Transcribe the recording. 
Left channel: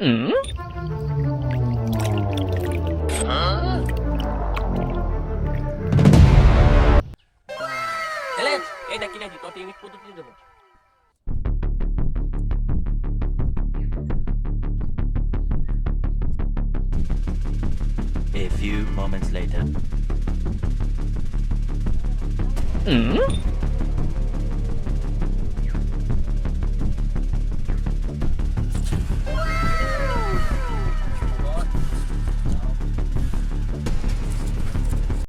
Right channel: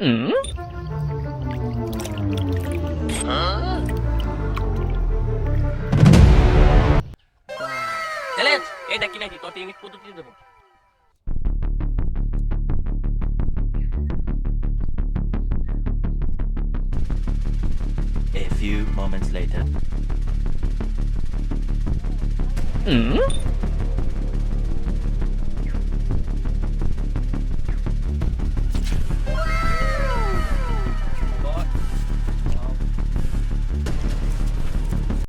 Challenge এটা কি নাকি তোর টেকনিক পদ্ধতি দেবো। A few moments later.